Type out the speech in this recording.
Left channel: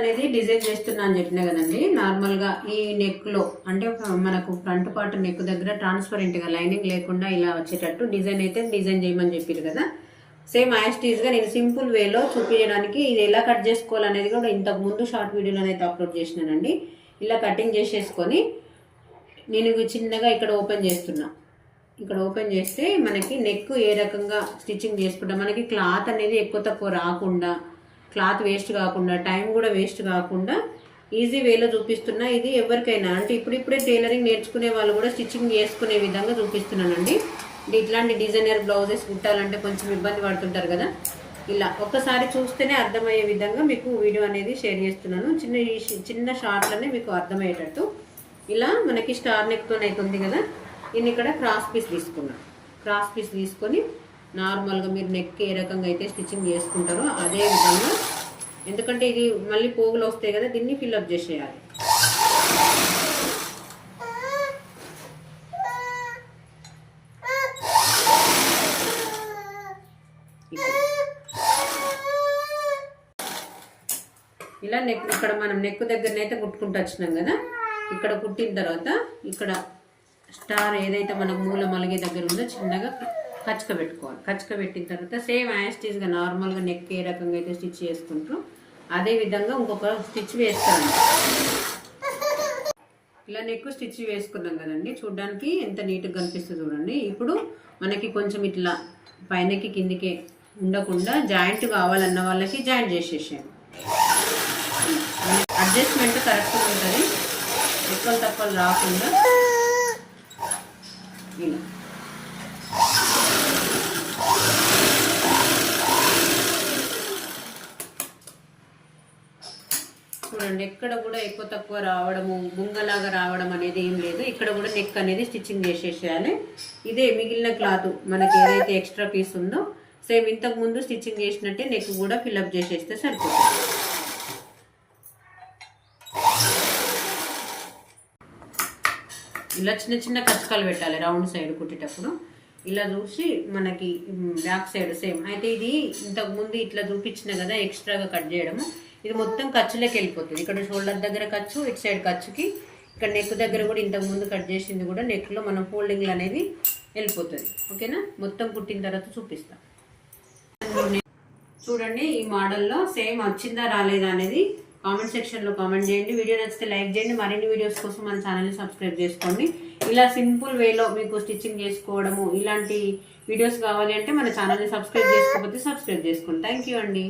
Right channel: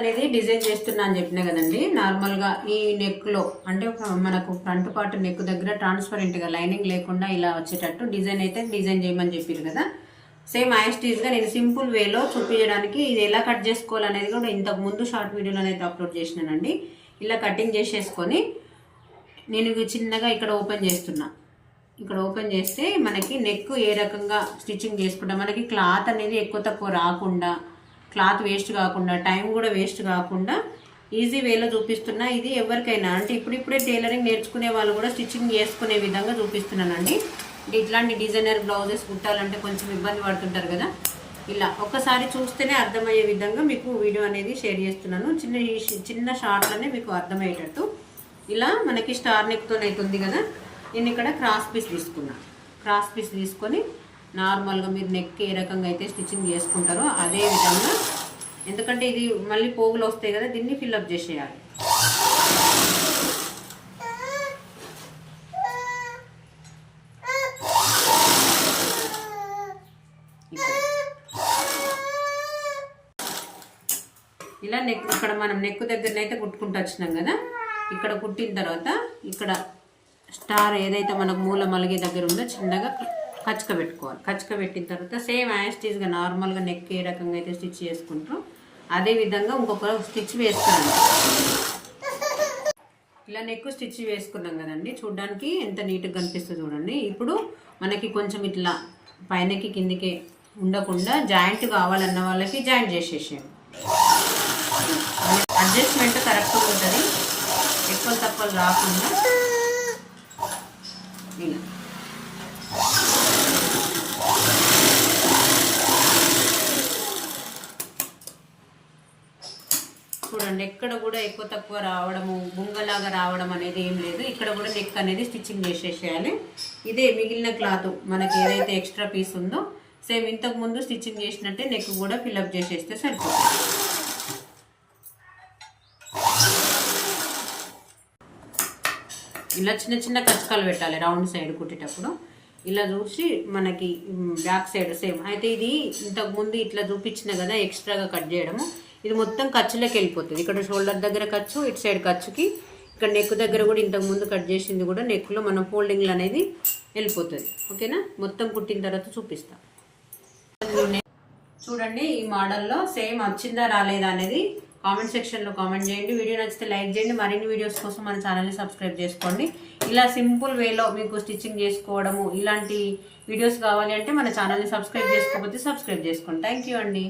అనేది డిజైన్ చేస్తున్నా అని చెప్పినా కదండి. నార్మల్గా ఈ నెక్లో అంటే మనకు ఫ్రంట్ పార్ట్ నెక్ దగ్గర ట్రాన్స్పరెంట్గా లైనింగ్ లేకుండా ఇలా వచ్చేటట్టు డిజైన్ అయితే డిజైన్ చేయమని చెప్పారు కదా. సేమ్ యాస్టీజ్గా నేను సింపుల్ వేలో చూపించడానికి ఇది ఎలా కట్ చేసుకోవాలనేది కూడా ఇంతకు ముందు షార్ట్ వీడియోలో అయితే అప్లోడ్ చేసినానండి. ఇలా కటింగ్ చేసేసుకొని నేను చిన్నగా ఇక్కడ ఓపెన్ చేస్తున్నా. ఇక్కడ ఓపెన్ చేస్తే మనకి నెక్ ఏ రకంగా స్టిచ్చింగ్ చేసుకుంటాం మనకి క్లాత్ అనేది ఎక్కువ తక్కువ రాకుండా క్లాత్ వేస్ట్ కాకుండా టైం కూడా వేస్ట్ కాకుండా ఈజీ వేలో చూపిస్తున్నా. ఇది ఎవరికైనా అంటే ఇప్పుడిప్పుడే టైలరింగ్ నేర్చుకునే వాళ్ళు కూడా స్టిచ్చింగ్ చేసుకునే విధంగా చూపిస్తున్నానండి. ఇట్లాంటి డిజైనర్ బ్లౌజెస్ కుట్టాలంటే కొంచెం ఇబ్బంది పడుతుంటారు కదా. ఇలా ఒక్కసారి చూస్తేనే అర్థమయ్యే విధంగా మీకు వీడియో అనేది షేర్ చేస్తున్నాను. చిన్న చిన్న షార్ట్లోనే మీకు అర్థమయ్యేటట్టు. ఇలా మనకి స్టార్ నెక్తో కదా. నేను ఇక్కడ క్రాస్ పీస్ తీసుకున్నా. క్రాస్ పీస్ తీసుకొని నార్మల్గా మీరు నెక్ ఏ రకంగా అయితే స్టిచ్చింగ్ చేసుకుంటారో అదే విధంగా ఎందుకంటే ఇది మళ్ళీ పోగులు వస్తాయి కదా దీన్ని ఫిల్అప్ చేసేయాలి. ఇలా నెక్ ఇక్కడ మనం నెక్ దగ్గరనైతే కుట్టుకుంటూ వచ్చినాం కదా ఇక్కడ కుట్టిన తర్వాత ఇక్కడ స్టార్ ఏదైతే మనకు మూల మలిగే దగ్గర ఉందో చిన్నగా పెట్టుకోవాలి కచ్చక పెట్టిన తర్వాత సేమ్ యాస్టీస్గా నార్మల్గా నెక్ ఏ రకంగా అయితే స్టిచ్ చేసుకుంటాం అదే విధంగా ఇంకొక స్టిచ్ వేస్తాను. ఇలా నెక్ స్టిచ్ వేసుకున్నాం కదండి. చూడడానికి ఎంత నీట్గా కనిపిస్తుంది చూడండి. ఇప్పుడు మనకి కొంచెం ఇట్లా పైనకి కిందికి ఉండకుండా జాయింట్ కావాలన్న వాళ్ళకి జాయింట్ చేసేసాము అడ్జస్ట్మెంట్ కరెక్ట్గా ఉంటుంది. ఎక్కువ తక్కువ రాకుండా ఇలా. చూడండి ఎక్కడ కూడా ఎక్కువ తక్కువ రావడము బుంగలాగా రావడం అనేది ఏం లేదు. ఇక్కడ కూడా నెక్ అనేది స్టిచ్చింగ్ చేసేసేయాలి. ఇదే మిగిలిన క్లాత్ మనకి ఏదైతే ఎక్స్ట్రా పీస్ ఉందో సేమ్ ఇంతకు ముందు స్టిచ్చింగ్ చేసినట్టే నెక్ కూడా ఫిల్అప్ చేసేస్తే సరిపోతుంది. ఇలా చిన్న చిన్న కచ్చకాలు పెట్టాలి రౌండ్ సైడ్ కుట్టేటప్పుడు. ఇలా చూసి మనకి బ్యాక్ సైడ్ సేమ్ అయితే ఇది ఇంతకు ముందు ఇట్లా చూపించిన కదా ఎక్స్ట్రాగా కట్ చేయడము. ఇది మొత్తం ఖర్చులోకి వెళ్ళిపోతుంది. ఇక్కడ షోల్డర్ దగ్గర ఖర్చు ఇటు సైడ్ ఖర్చుకి. ఇక్కడ నెక్ దగ్గర కూడా ఇంతకు ముందు కట్ చేసింది కూడా నెక్లో మనం ఫోల్డింగ్లు అనేది వెళ్ళిపోతుంది. ఓకేనా? మొత్తం కుట్టిన తర్వాత చూపిస్తా. చూడండి ఈ మోడల్లో సేమ్ వచ్చిందా రాలేదా అనేది కామెంట్ సెక్షన్లో కామెంట్ చేయండి. వీడియో నచ్చితే లైక్ చేయండి. మరిన్ని వీడియోస్ కోసం మన ఛానల్ని సబ్స్క్రైబ్ చేసుకోండి. ఇలా సింపుల్ వేలో మీకు స్టిచ్చింగ్ చేసుకోవడము ఇలాంటి వీడియోస్ కావాలి అంటే మన ఛానల్ని సబ్స్క్రైబ్ చేసుకోకపోతే సబ్స్క్రైబ్ చేసుకోండి. థ్యాంక్ యూ అండి.